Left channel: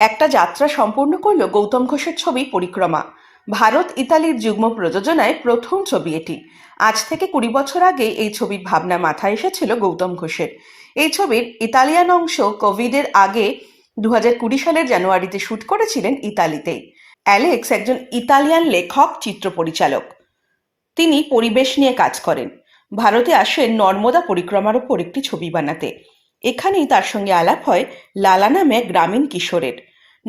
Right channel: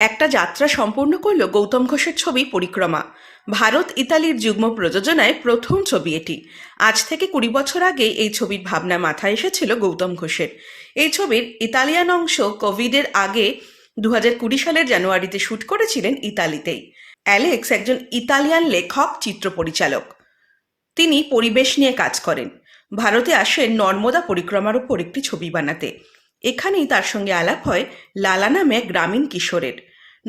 একটা যাত্রা সম্পূর্ণ করল গৌতম ঘোষের ছবি পরিক্রমা। ভারত ইতালির যুগ্ম প্রযোজনায় প্রথম ছবি এটি। আজ থেকে ২০ বছর আগে এই ছবির ভাবনা মাথায় এসেছিল গৌতম ঘোষের। এই ছবির ইতালিয়ান অংশ কোভিডের আগে ২০২০ সালের জানুয়ারিতে শুট করেছিলেন ইতালিতেই। অ্যালেক্স একজন ইতালিয়ান লেখক, চিত্র পরিচালক। তিনি পরিবেশ নিয়ে কাজ করেন। ভারতে আসেন নর্মদা পরিক্রমার ওপর একটি ছবি বানাতে। এখানেই তার সঙ্গে আলাপ হয় লালা নামে এক গ্রামীণ কিশোরের।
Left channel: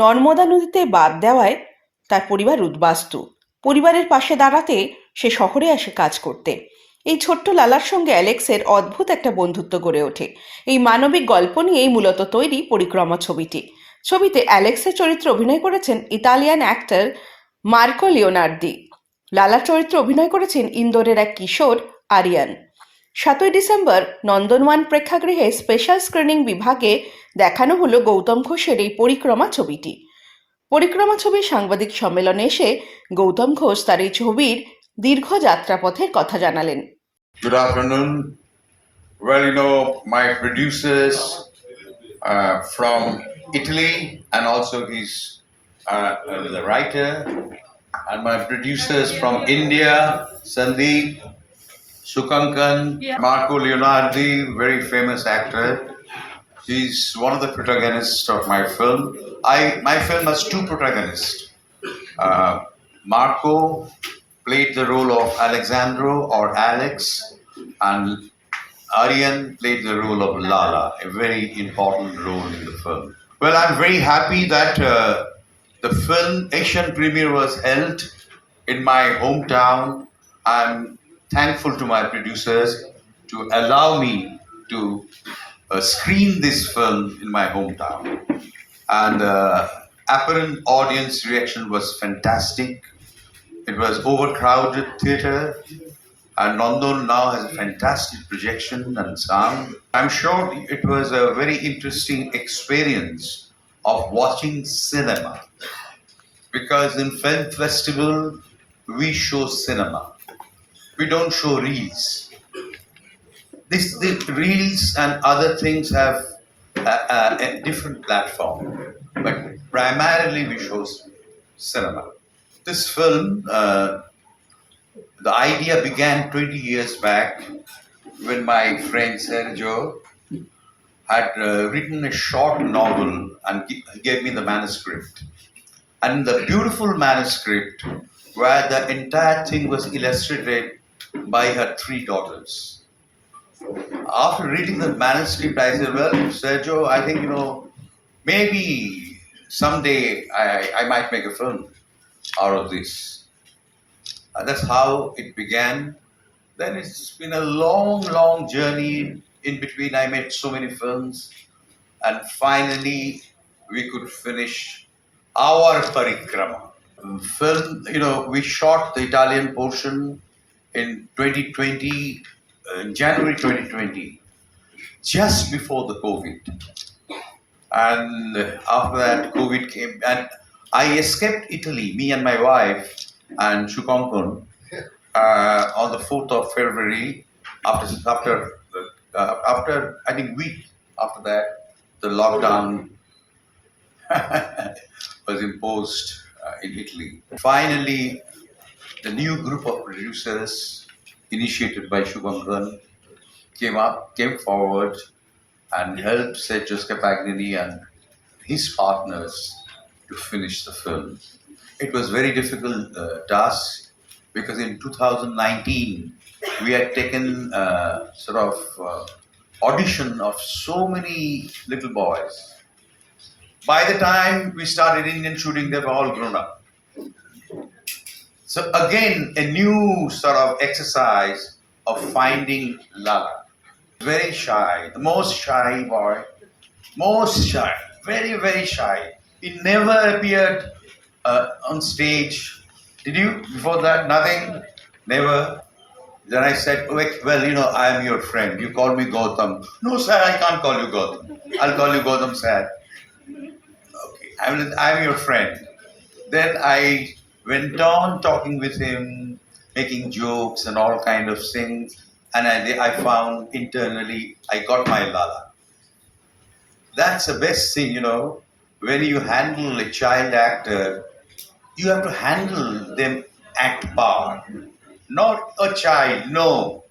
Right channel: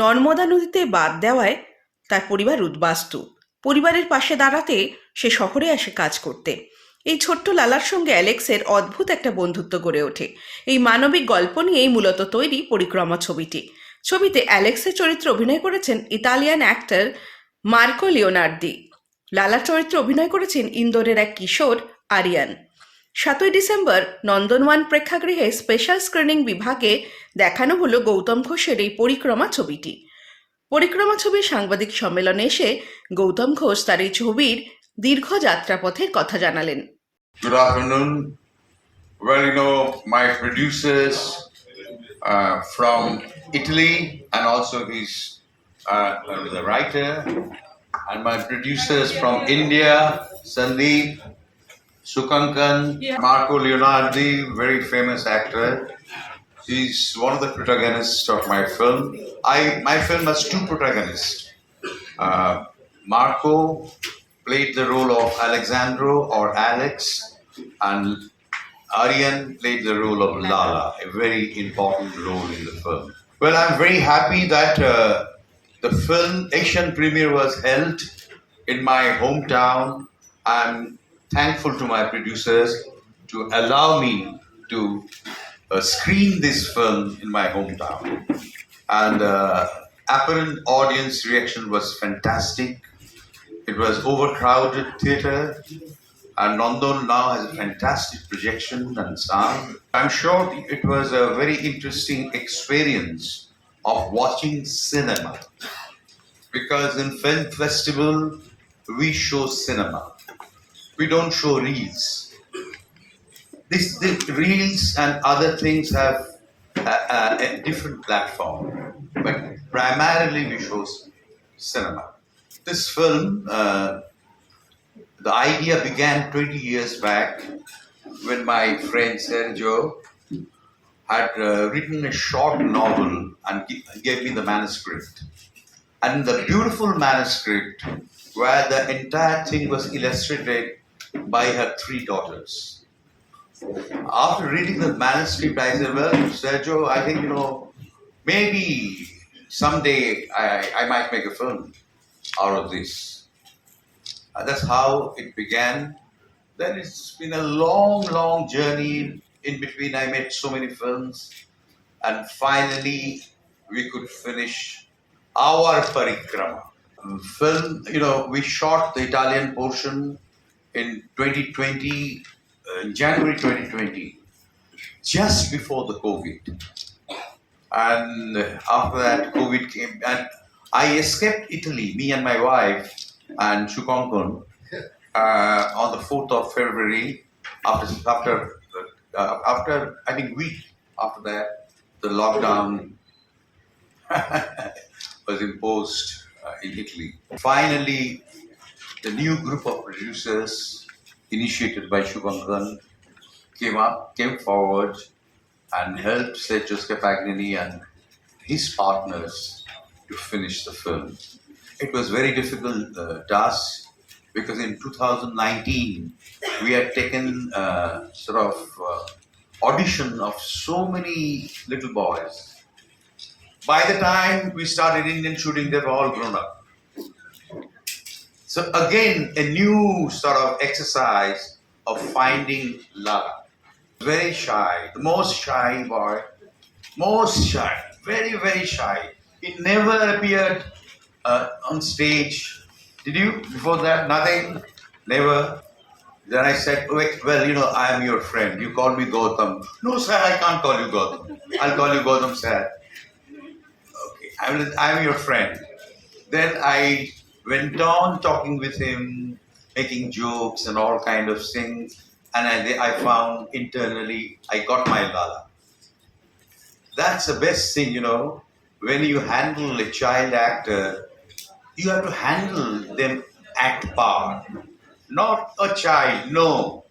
নর্মদা নদীতে বাদ দেওয়ায় তার পরিবার উদ্বাস্তু। পরিবারের পাশে দাঁড়াতে সে শহরে আসে কাজ করতে। এই ছোট্ট লালার সঙ্গে অ্যালেক্সের অদ্ভুত একটা বন্ধুত্ব গড়ে ওঠে। এই মানবিক গল্প নিয়েই মূলত তৈরি পরিক্রমা ছবিটি। ছবিতে অ্যালেক্সের চরিত্রে অভিনয় করেছেন ইতালিয়ান অ্যাক্টর মার্কো লিওনার্দি। লালার চরিত্রে অভিনয় করেছেন ইন্দোরের এক কিশোর আরিয়ান। ৭ই ডিসেম্বর নন্দনওয়ান প্রেক্ষাগৃহে স্পেশাল স্ক্রিনিং বিভাগে দেখানো হলো গৌতম ঘোষের এই পরিক্রমা ছবিটি। পরিক্রমা ছবির সাংবাদিক সম্মেলনে এসে গৌতম ঘোষ তার এই ছবির দীর্ঘ যাত্রাপথের কথা জানালেন। Good afternoon. Well, my producers from Italy, and also he's a writer, and my producers from India, Sandeep, Sukankan, Marco Leonardi, very famous actor. He's one of the protagonists of my film. My film has two protagonists. Uh, Marco played the role of Alexandro or Alex, and Aryan played the role of Lala, a very important role in the film. Well, I'm very happy that the film Asian premiere was held in my hometown. I'm thankful to my producers to allow me to screen this film in my hometown. And apparent audience reaction was fantastic. It was overcrowded theater, and Nandon now has a fantastic projection and sound. I'm sure it was a very interesting experience of watching cinema, because in film festival we show cinema. We don't show reels. The reels and other things have a different platform, but primarily we show cinema. This film, the idea began 20 years back when my friend Sergio had written a short novel and gave me the manuscript. And the beautiful manuscript where the entire thing was illustrated by her three daughters. After reading the manuscript, I said, well, Sergio, I think, maybe someday I might make a film out of this. That's how it began. Then it's been a long, long journey. In between, I made so many films. And finally, we could finish our Parikrama film. We shot the Italian portion in 2020, January 2020, just before the COVID. And after that, COVID came, and I escaped Italy, me and my wife, and Shukonkon, on the 4th of February, after I think week after that, the lockdown was imposed in Italy. Finally, the new group of producers, initiated by Shukonkon, came forward and helped Sergio Scapagnini and his partners to finish the film. It was very difficult task, because in 2019 we had taken audition of so many little boys. By the time we started Indian shooting, they were all grown up. So again, a new sort of exercise of finding Lala. Very shy, the most shy boy, most shy, very, very shy. He never appeared on stage. Did you? Before that, nothing? Never? Then I said, well, I am your friend. You call me Gautam. No, sir, I can't call you Gautam. I'll call you Gautam, sir. Okay, I am your friend. Then I went on talking with him, making jokes and all kind of things. And I found internally, I got my Lala. That's the best thing, when you handle a child actor, you have to handle them act part. Not a child, no.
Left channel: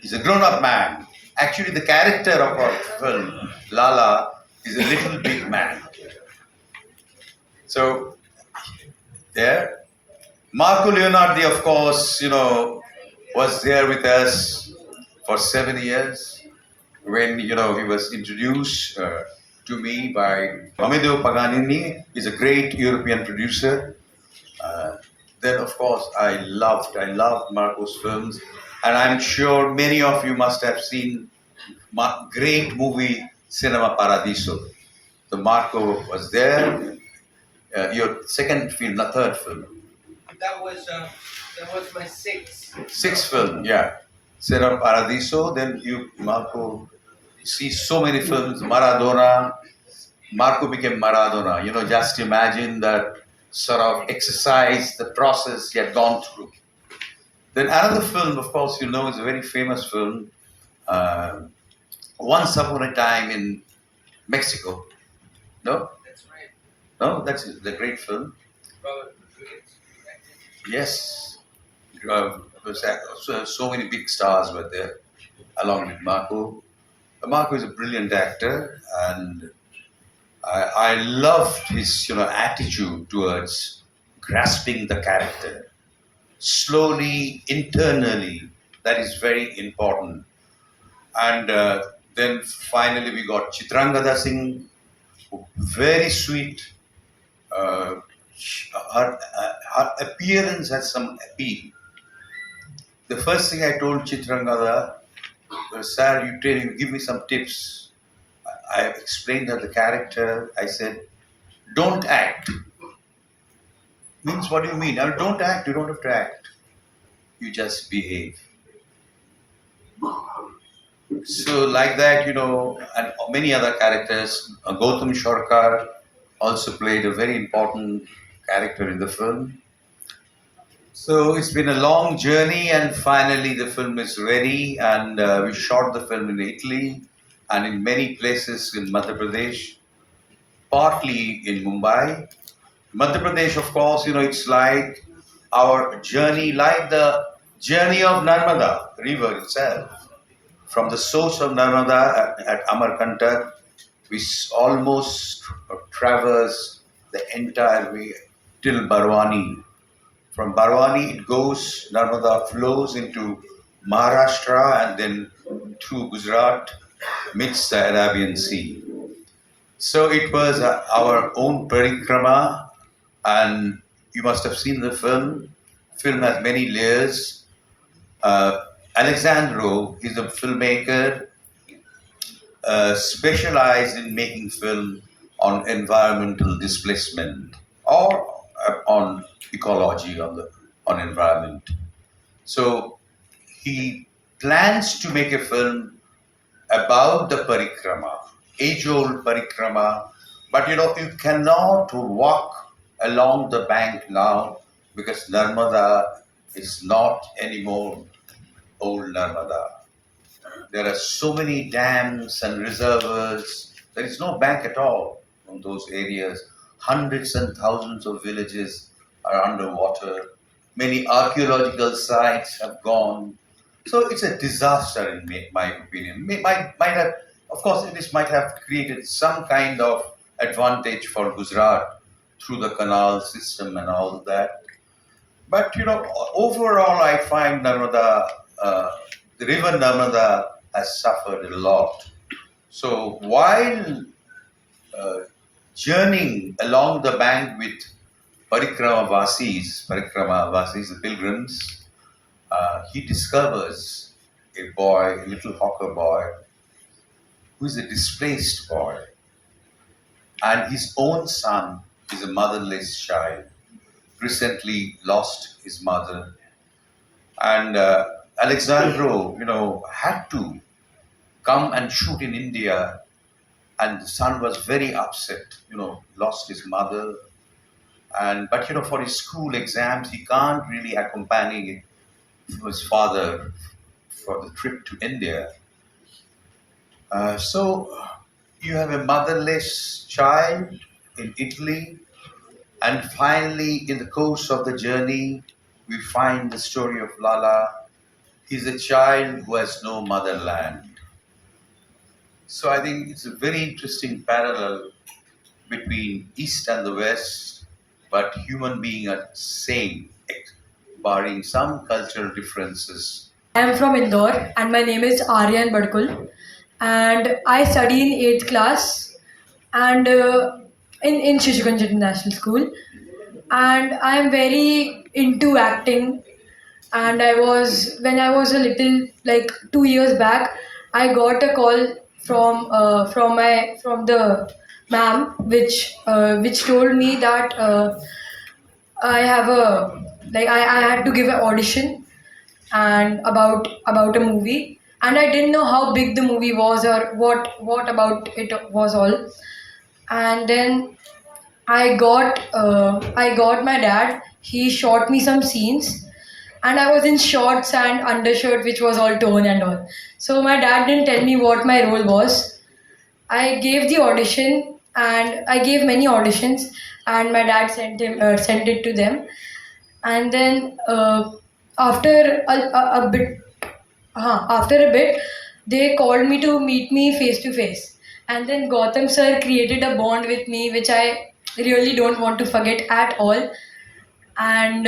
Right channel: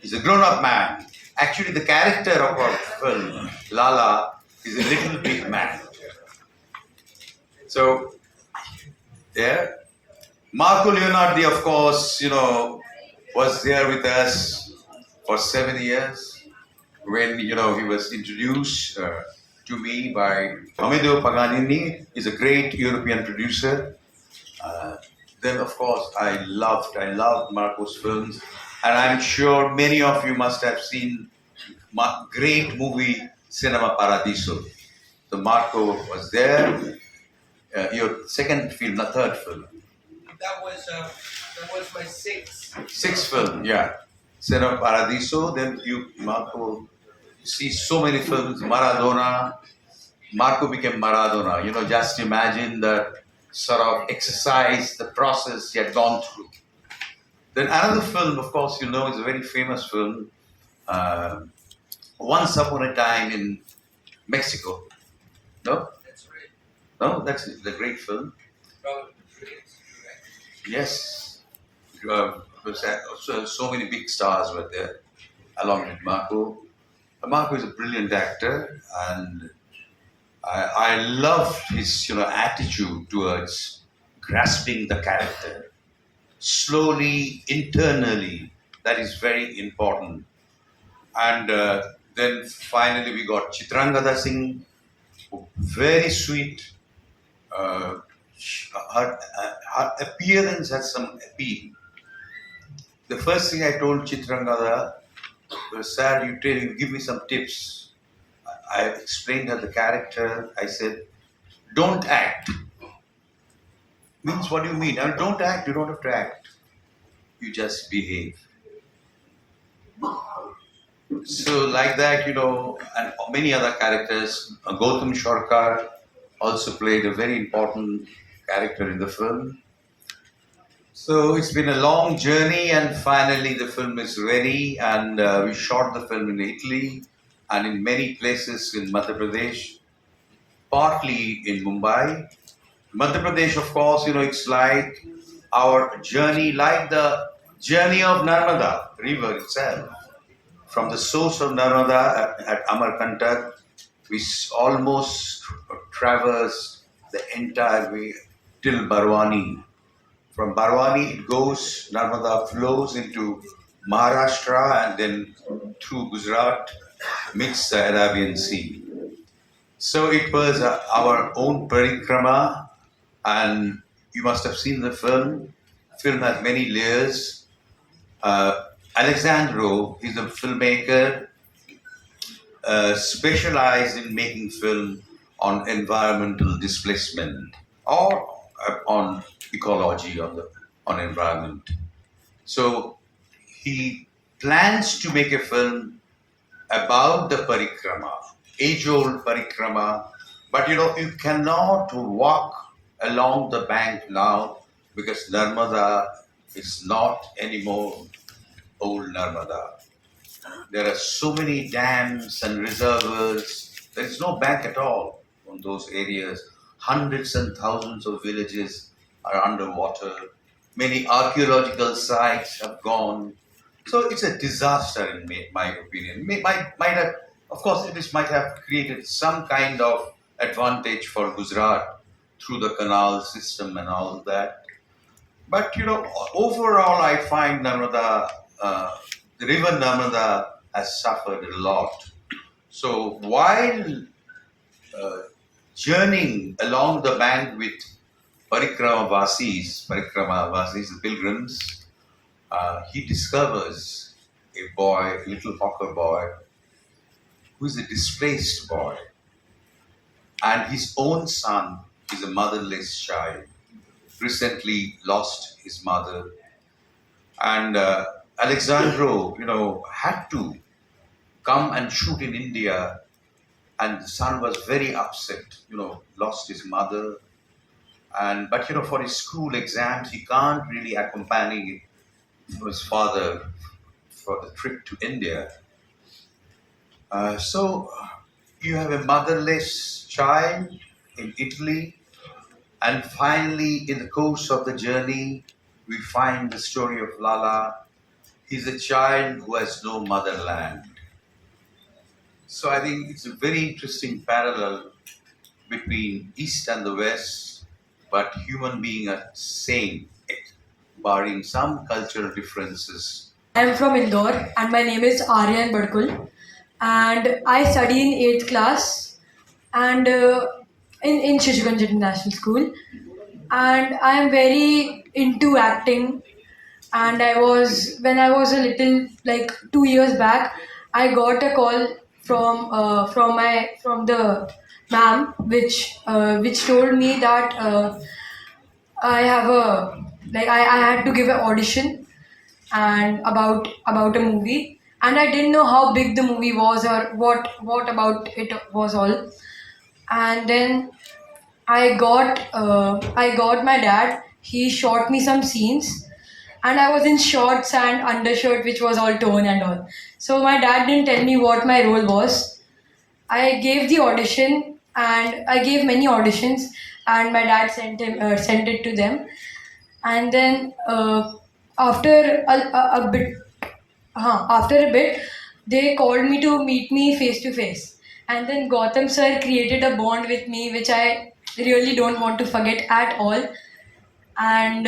He's a grown up man. Actually, the character of our film, Lala, is a little big man. So, there. Marco Leonardi, of course, was there with us for 7 years when, he was introduced to me by Amedeo Paganini. He's a great European producer. Uh, then, of course, I loved Marco's films, and I'm sure many of you must have seen great movie Cinema Paradiso. So Marco was there. Your second film, not third film. That was my Sixth film, yeah. Cinema Paradiso. Then Marco, see so many films. Maradona. Marco became Maradona. Just imagine the sort of exercise, the process he had gone through. Then another film, of course, is a very famous film. Uh, Once Upon a Time in Mexico. No, That's right. no, that's the great film. Robert Rodriguez. Right. Yes, so many big stars were there, along with Marco. Marco is a brilliant actor, and I loved his attitude towards grasping the character slowly, internally. That is very important. And then finally we got Chitrangada Singh, very sweet. Her appearance has some appeal. The first thing I told Chitrangada was, "Sir, you give me some tips." I explained her the character. I said, "Don't act." Means, what do you mean? Don't act. You don't have to act. You just behave. So like that, and many other characters. Gautam Shorkar also played a very important character in the film. So it's been a long journey, and finally the film is ready. And we shot the film in Italy and in many places in Madhya Pradesh, partly in Mumbai. Madhya Pradesh, of course, it's like our journey, like the journey of Narmada river itself. From the source of Narmada at Amarkantak, we almost traverse the entire way till Barwani. From Barwani, it goes, Narmada flows into Maharashtra and then through Gujarat, meets the Arabian Sea. So it was our own parikrama, and you must have seen the film. Film has many layers. Alexandro is a filmmaker specialized in making film on environmental displacement or on ecology, on environment. So he plans to make a film about the parikrama, age-old parikrama, but you cannot walk along the bank now because Narmada is not anymore old Narmada. There are so many dams and reservoirs. There is no bank at all on those areas. Hundreds and thousands of villages are underwater. Many archaeological sites have gone. So it's a disaster, in my opinion. Might have, of course, this might have created some kind of advantage for Gujarat through the canal system and all that. But overall, I find the river Narmada has suffered a lot. So while uh, journeying along the bank with Parikrama Vasis, the pilgrims, he discovers a boy, a little hawker boy, who is a displaced boy. And his own son is a motherless child, recently lost his mother. And Alexandro, had to come and shoot in India, and the son was very upset. Lost his mother, and but for his school exams, he can't really accompany his father for the trip to India. So You have a motherless child in Italy, and finally, in the course of the journey, we find the story of Lala. He's a child who has no motherland. So I think it's a very interesting parallel between East and the West, but human being are same, barring some cultural differences. I'm from Indore and my name is Aryan Badkul and I study in 8th class and in Shishugans International School and I'm very into acting and when I was a little like 2 years back I got a call from the ma'am which told me that I have a I had to give an audition and about a movie and I didn't know how big the movie was or what about it was all and then I got my dad. He shot me some scenes and I was in shorts and undershirt which was all torn and all. So my dad didn't tell me what my role was. I gave the audition and I gave many auditions and my dad sent it to them and then after a bit after a bit they called me to meet me face to face and then Gautam sir created a bond with me which I really don't want to forget at all and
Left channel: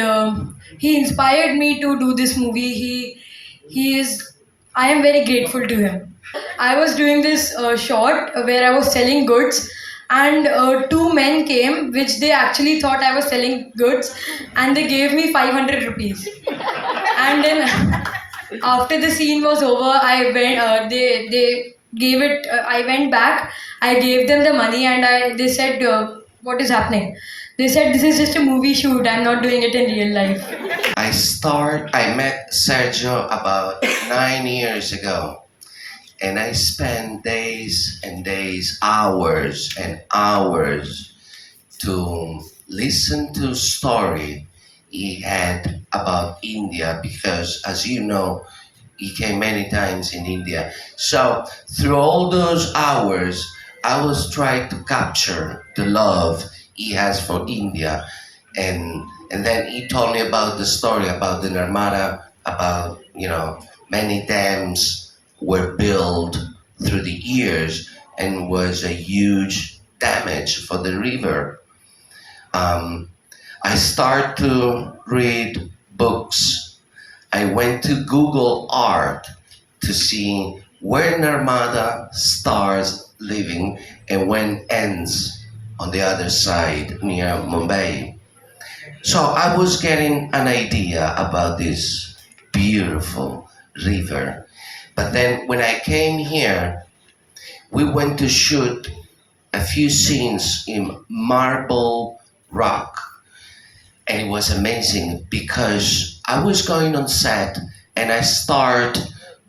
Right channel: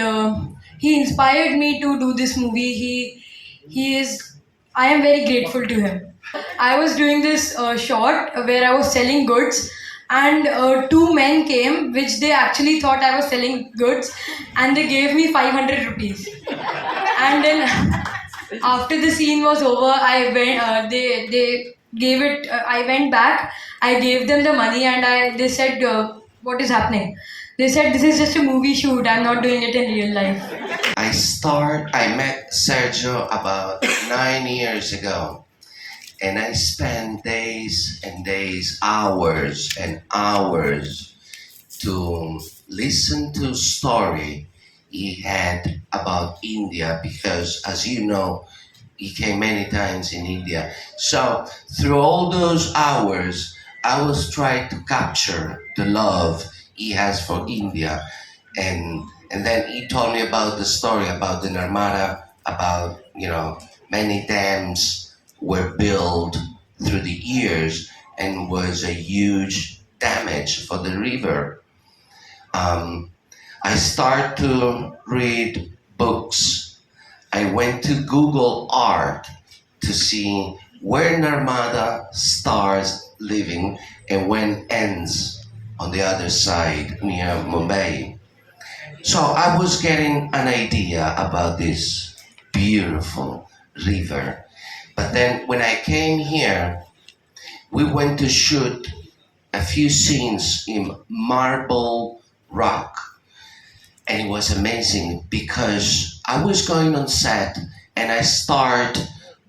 he inspired me to do this movie. He is I am very grateful to him. I was doing this short where I was selling goods, and two men came, which they actually thought I was selling goods, and they gave me 500 rupees. And then after the scene was over, I went. They gave it. I went back. I gave them the money, and they said, "What is happening?" They said, "This is just a movie shoot. I'm not doing it in real life." I met Sergio about 9 years ago, and I spent days and days, hours and hours to listen to story he had about India because, as you know, he came many times in India. So through all those hours, I was trying to capture the love he has for India, and then he told me about the story about the Narmada, about many dams were built through the years and was a huge damage for the river. I start to read books. I went to Google Art to see where Narmada starts living and when ends on the other side near Mumbai. So I was getting an idea about this beautiful river. But then when I came here, we went to shoot a few scenes in marble rock. And it was amazing because I was going on set and I start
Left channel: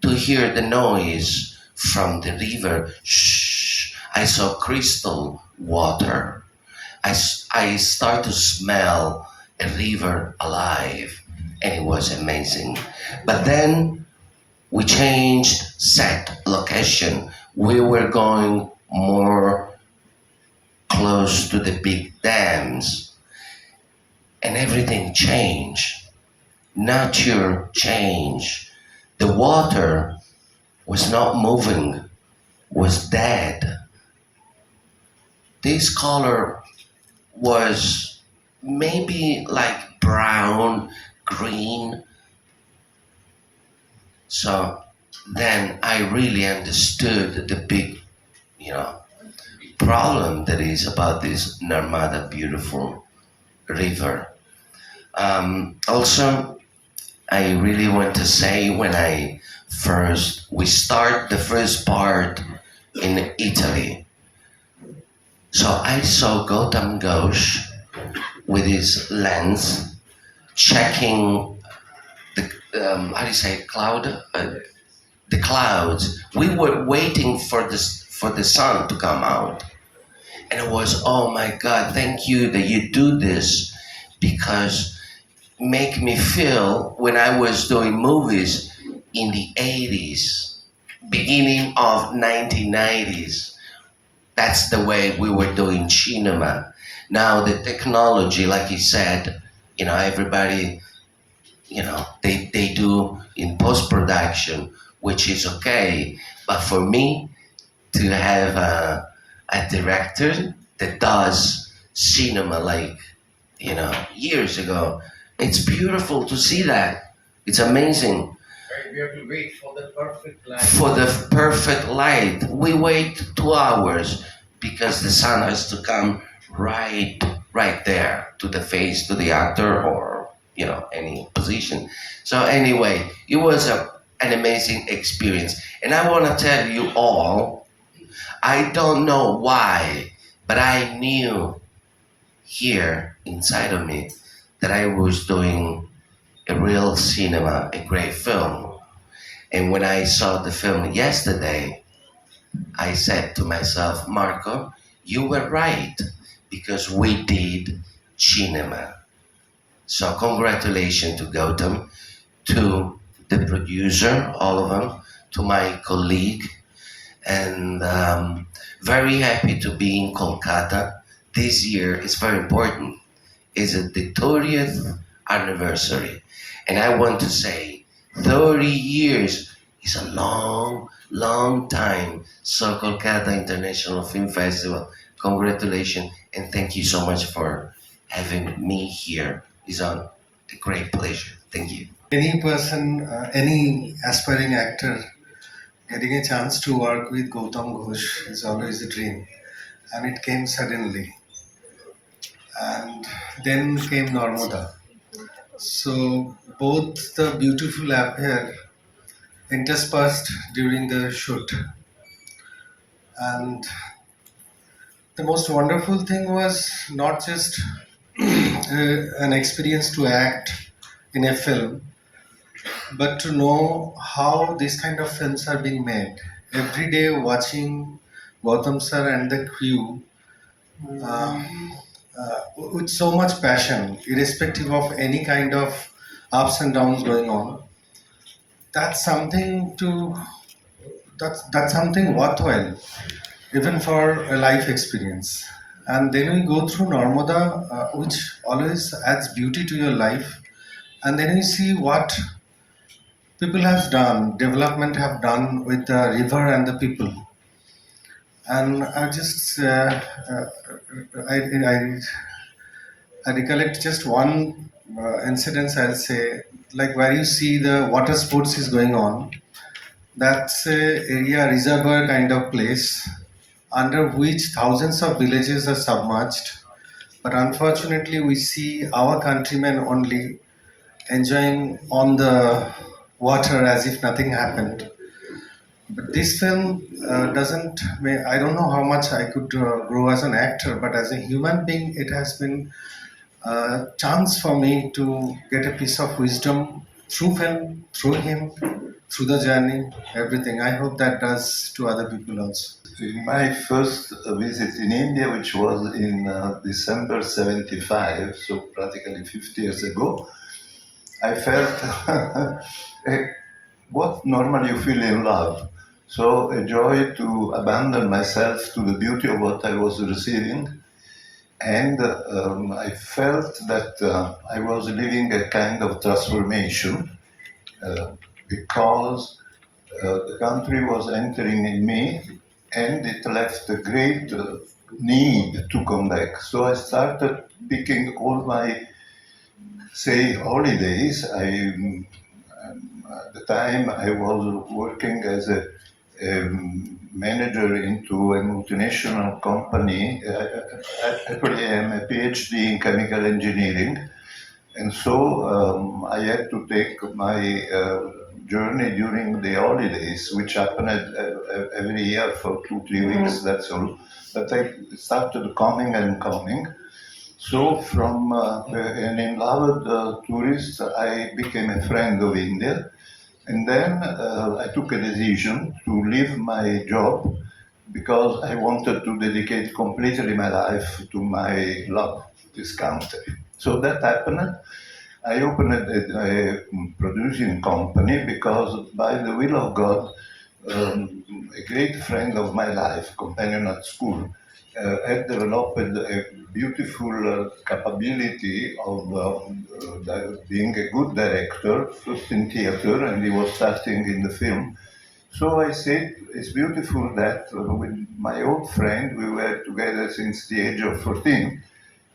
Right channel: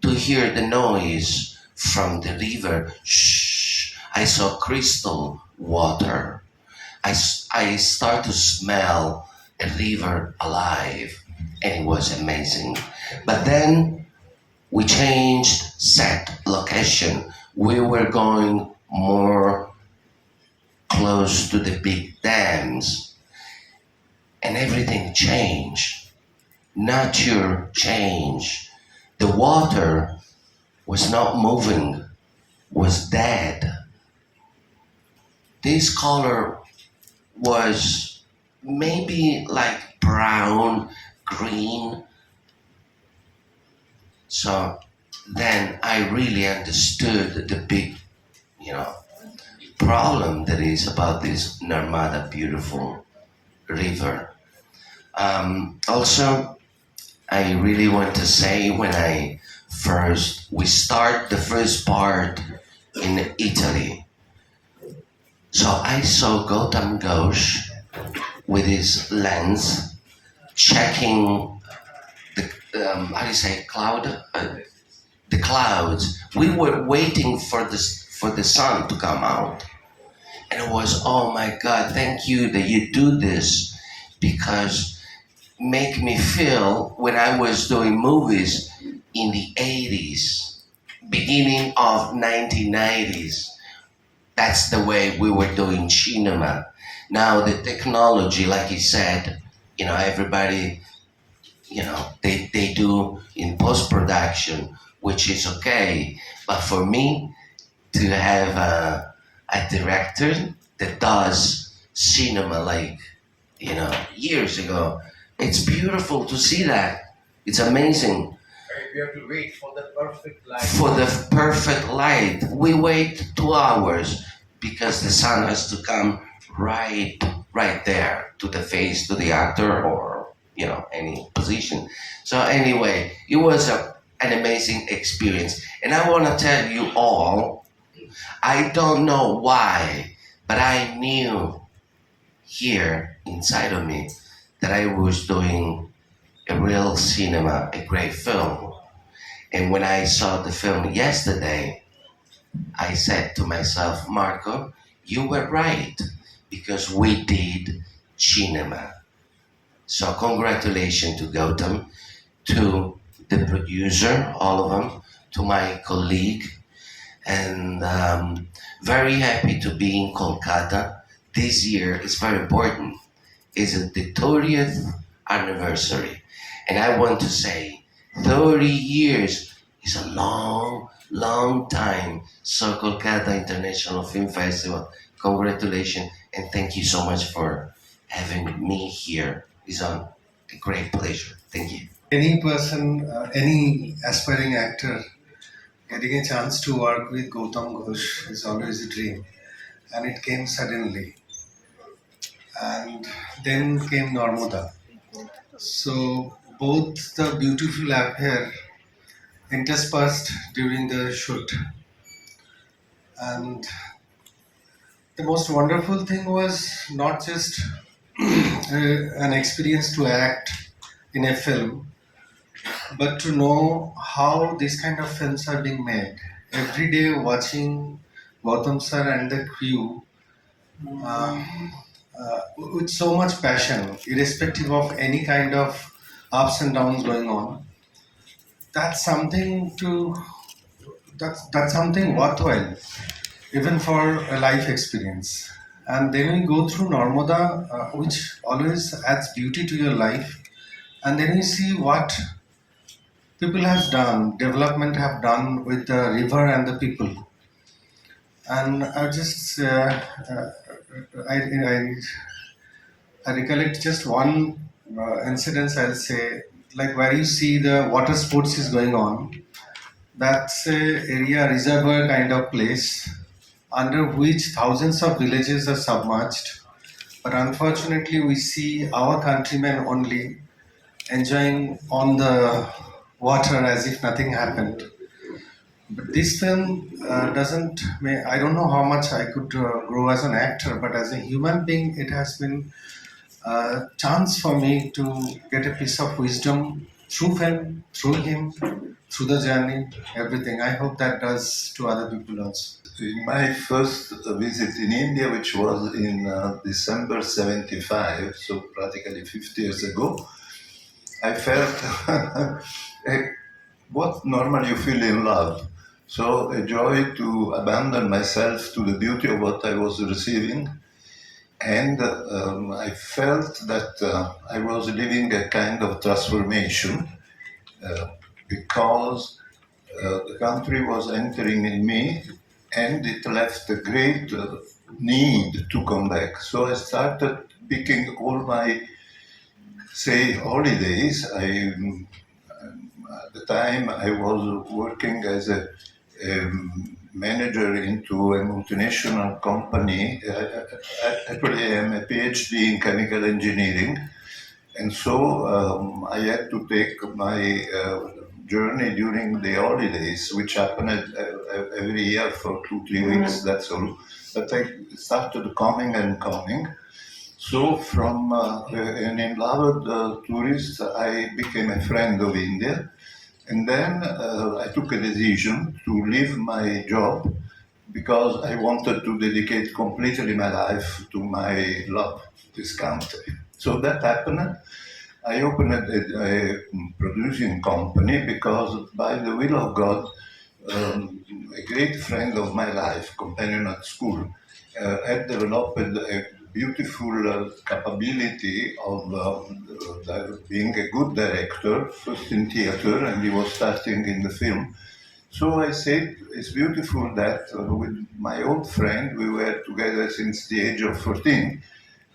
to hear the noise from the river. Shh, I saw crystal water. I start to smell a river alive and it was amazing. But then we changed set location. We were going more close to the big dams and everything changed. Nature changed. The water was not moving, was dead. This color was maybe like brown, green. So then I really understood the big, problem that is about this Narmada beautiful river. Also, I really want to say we start the first part in Italy. So I saw Gautam Ghosh with his lens checking how do you say the clouds. We were waiting for the sun to come out, and it was, oh my God, thank you that you do this because make me feel when I was doing movies in the 80s, beginning of 1990s, That's the way we were doing cinema. Now the technology, like you said, everybody, they do in post production, which is okay. But for me to have a director that does cinema like years ago, it's beautiful to see that. It's amazing. Right, we have to wait for the perfect light. For the perfect light, we wait 2 hours because the sun has to come right there to the face, to the actor, or any position. So anyway, it was an amazing experience, and I want to tell you all, I don't know why, but I knew here inside of me that I was doing a real cinema, a great film. And when I saw the film yesterday, I said to myself, Marco, you were right because we did cinema. So congratulations to Gautam, to the producer, all of them, to my colleague, and very happy to be in Kolkata. This year is very important. It's the 30th anniversary. And I want to say 30 years is a long time. So Kolkata International Film Festival, congratulations and thank you so much for having me here. It's a great pleasure. Thank you. Any person, any aspiring actor getting a chance to work with Gautam Ghosh is always a dream. And it came suddenly. And then came Narmada. So both the beautiful affair interspersed during the shoot. And the most wonderful thing was not just an experience to act in a film, but to know how these kind of films are being made. Every day watching Gautam sir and the crew uh, with so much passion, irrespective of any kind of ups and downs going on, that's something to that's something worthwhile, even for a life experience. And then we go through Narmada, which always adds beauty to your life, and then you see what people have done, development have done with the river and the people. And I I recollect just one incident. I'll say, like where you see the water sports is going on. That's a area reservoir kind of place under which thousands of villages are submerged. But unfortunately, we see our countrymen only enjoying on the water as if nothing happened. But this film doesn't. I don't know how much I could grow as an actor, but as a human being, it has been a chance for me to get a piece of wisdom through film, through him, through the journey, everything. I hope that does to other people also. In my first visit in India, which was in December 75, so practically 50 years ago, I felt what normally you feel in love. So a joy to abandon myself to the beauty of what I was receiving. And I felt that I was living a kind of transformation because the country was entering in me and it left a great need to come back. So I started picking all my, say, holidays. At the time I was working as a manager into a multinational company. Actually, I am a PhD in chemical engineering. And so I had to take my journey during the holidays, which happened every year for 2-3 weeks, that's all. But I started coming and coming. So from an enloved tourist, I became a friend of India. And then I took a decision to leave my job because I wanted to dedicate completely my life to my love, this country. So that happened. I opened a producing company because by the will of God, a great friend of my life, companion at school, had developed a beautiful capability of being a good director, first in theater, and he was starting in the film. So I said, it's beautiful that with my old friend, we were together since the age of 14,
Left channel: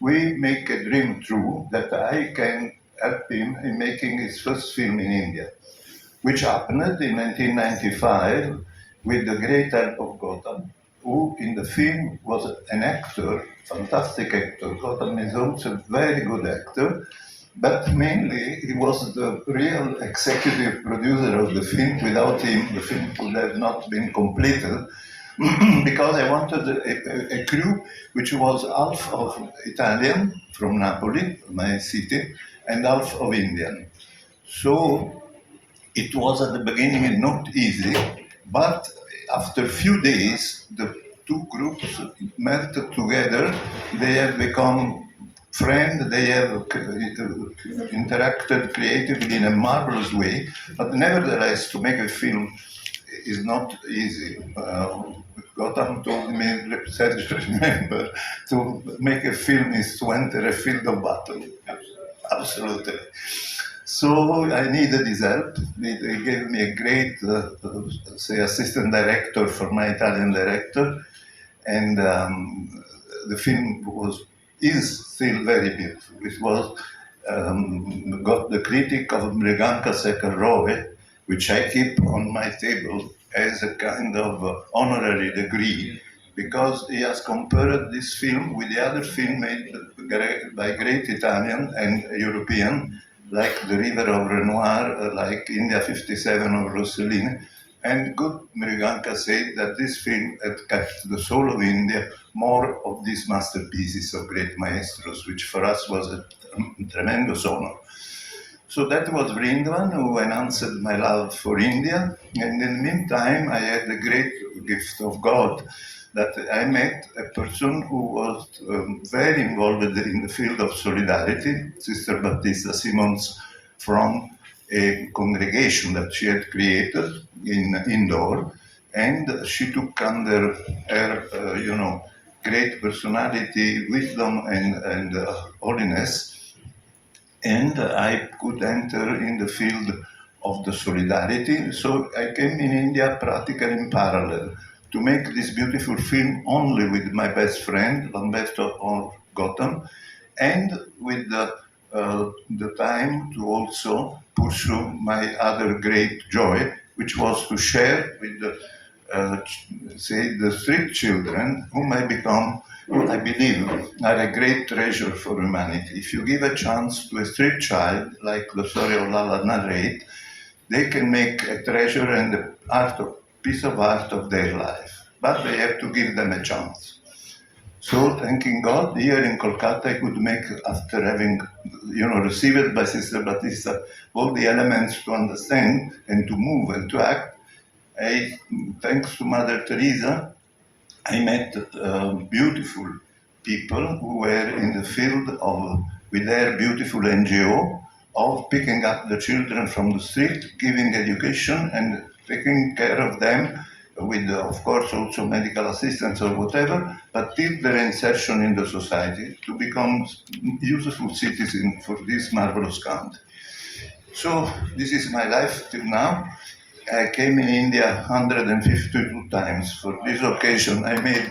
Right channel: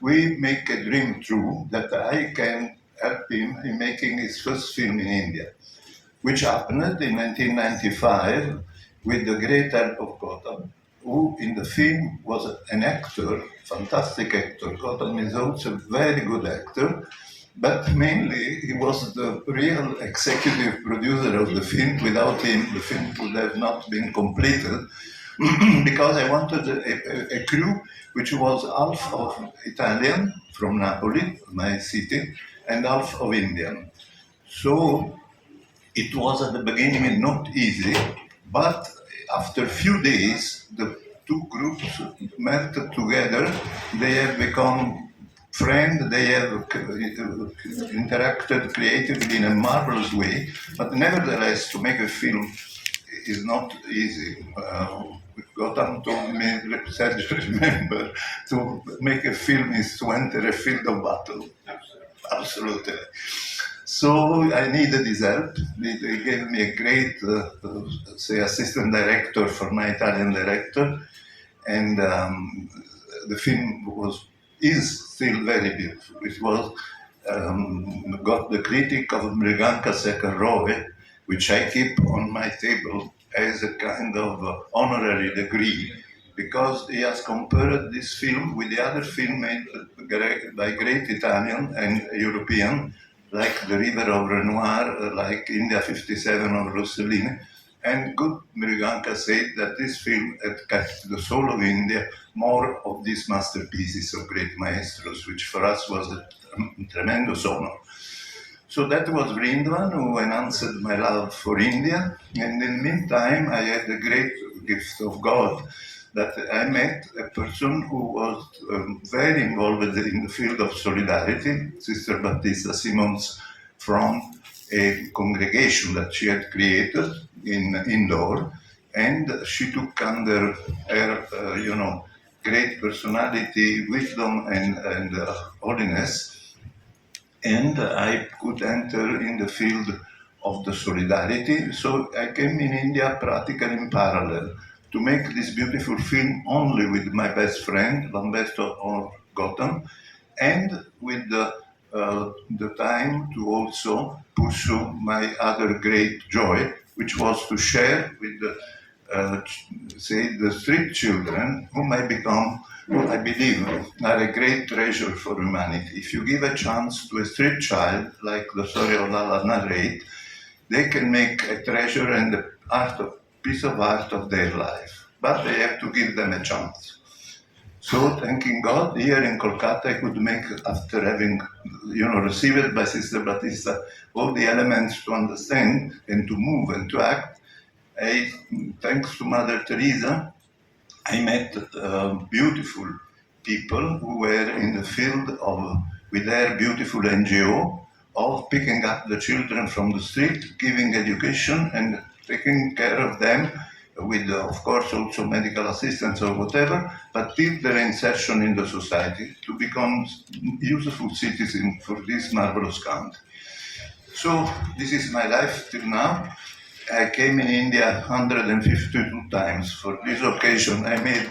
we make a dream true that I can help him in making his first film in India, which happened in 1995 with the great help of Gautam, who in the film was an actor, fantastic actor. Gautam is also a very good actor, but mainly he was the real executive producer of the film. Without him, the film would have not been completed because I wanted a crew which was half of Italian from Napoli, my city, and half of Indian. So it was at the beginning not easy, but after a few days, the two groups met together. They have become friends. They have interacted creatively in a marvelous way. But nevertheless, to make a film is not easy. Gotham told me, said, remember, to make a film is to enter a field of battle. Absolutely. So I needed his help. They gave me a great, say, assistant director for my Italian director, and the film is still very beautiful. It was got the critic of Mriganka Sekharove, which I keep on my table as a kind of honorary degree, because he has compared this film with the other film made by great Italian and European, like The River of Renoir, like India 57 of Rossellini. And good Mriganka said that this film had kept the soul of India more of these masterpieces of great maestros, which for us was a tremendous honor. So that was Vrindavan, who announced my love for India. And in the meantime, I had the great gift of God that I met a person who was very involved in the field of solidarity, Sister Battista Simons, from a congregation that she had created in Indore. And she took under her, great personality, wisdom, and holiness, and I could enter in the field of the solidarity. So I came in India practically in parallel to make this beautiful film only with my best friend, Lamberto or Gotham, and with the time to also pursue my other great joy, which was to share with say, the street children, whom I become, who I believe are a great treasure for humanity. If you give a chance to a street child, like the story of Lala narrate, they can make a treasure and a piece of art of their life. But they have to give them a chance. So, thanking God, here in Kolkata, I could make, after having, received by Sister Battista all the elements to understand and to move and to act. Thanks to Mother Teresa, I met beautiful people who were in the field of, with their beautiful NGO, of picking up the children from the street, giving education and taking care of them with, of course, also medical assistance or whatever, but till their insertion in the society to become useful citizens for this marvelous country. So this is my life till now. I came in India 152 times. For this occasion, I made